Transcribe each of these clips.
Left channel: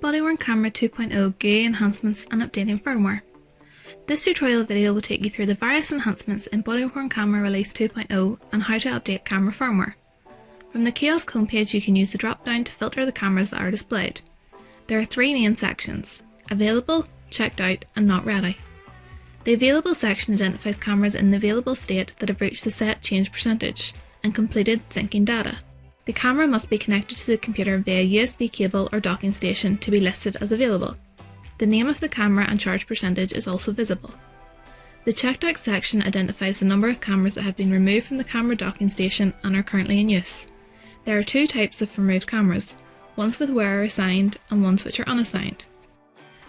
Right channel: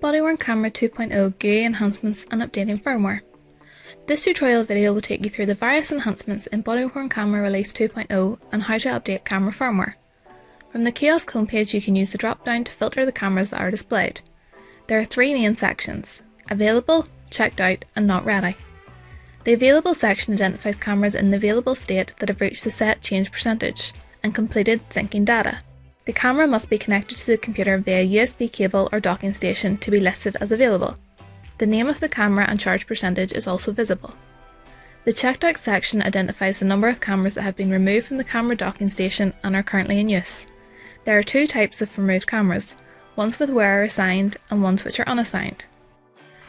Body-worn Camera 2.0 GUI Enhancements and Updating Firmware. This tutorial video will take you through the various enhancements in Body-worn Camera Release 2.0 and how to update camera firmware. From the kiosk homepage, you can use the drop-down to filter the cameras that are displayed. There are three main sections: Available, Checked Out and Not Ready. The Available section identifies cameras in the available state that have reached the set change percentage and completed syncing data. The camera must be connected to the computer via USB cable or docking station to be listed as available. The name of the camera and charge percentage is also visible. The Checked Out section identifies the number of cameras that have been removed from the camera docking station and are currently in use. There are two types of removed cameras, ones with wearer assigned and ones which are unassigned.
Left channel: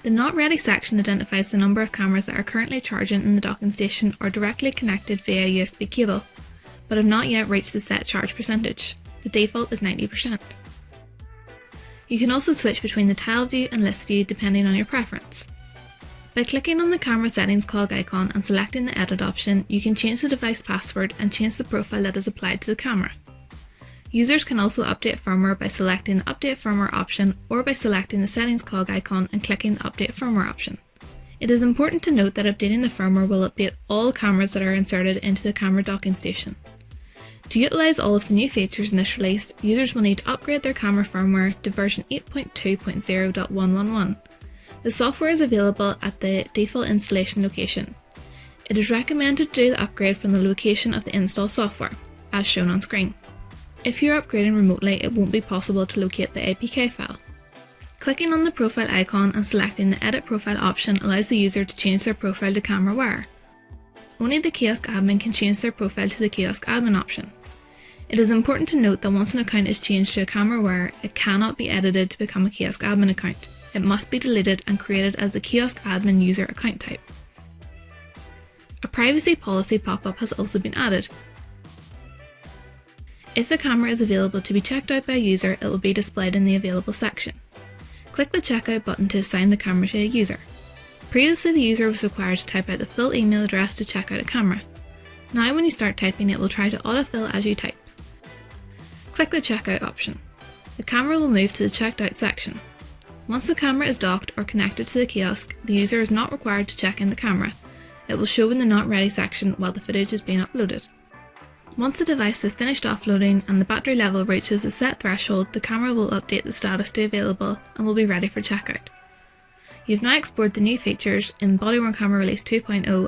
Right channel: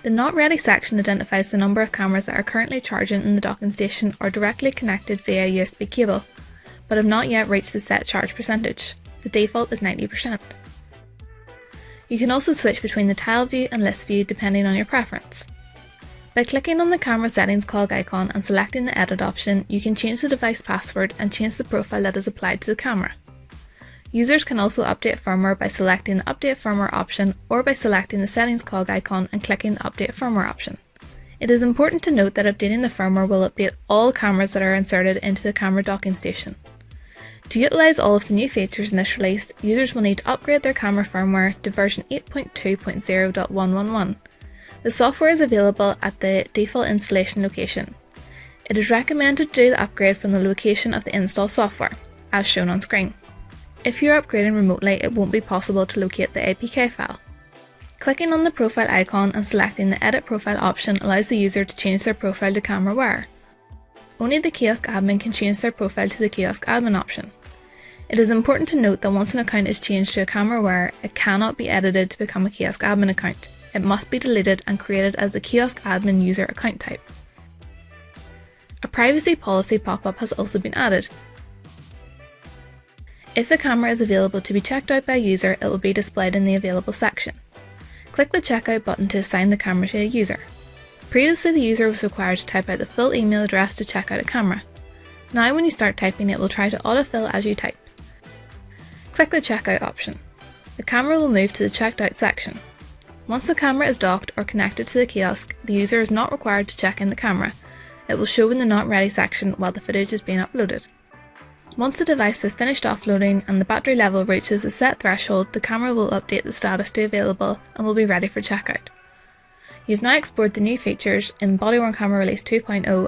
The Not Ready section identifies the number of cameras that are currently charging in the docking station or directly connected via USB cable, but have not yet reached the set charge percentage. The default is 90%. You can also switch between the tile view and list view depending on your preference. By clicking on the camera settings cog icon and selecting the edit option, you can change the device password and change the profile that is applied to the camera. Users can also update firmware by selecting the Update Firmware option or by selecting the settings cog icon and clicking the Update Firmware option. It is important to note that updating the firmware will update all cameras that are inserted into the camera docking station. To utilise all of the new features in this release, users will need to upgrade their camera firmware to version 8.2.0.111. The software is available at the default installation location. It is recommended to do the upgrade from the location of the install software, as shown on screen. If you are upgrading remotely, it won't be possible to locate the APK file. Clicking on the profile icon and selecting the Edit Profile option allows the user to change their profile to camera wearer. Only the kiosk admin can change their profile to the kiosk admin option. It is important to note that once an account is changed to a camera wearer, it cannot be edited to become a kiosk admin account. It must be deleted and created as the kiosk admin user account type. A privacy policy pop-up has also been added. If the camera is available to be checked out by a user, it will be displayed in the Available section. Click the Checkout button to assign the camera to a user. Previously, the user was required to type out the full email address to check out a camera. Now when you start typing, it will try to autofill as you type. Click the Checkout option. The camera will move to the Checked Out section. Once the camera is docked or connected to the kiosk, the user is not required to check in the camera. It will show in the Not Ready section while the footage is being uploaded. Once the device has finished offloading and the battery level reaches a set threshold, the camera will update the status to available and will be ready for checkout. You've now explored the new features in Body-worn Camera Release 2.0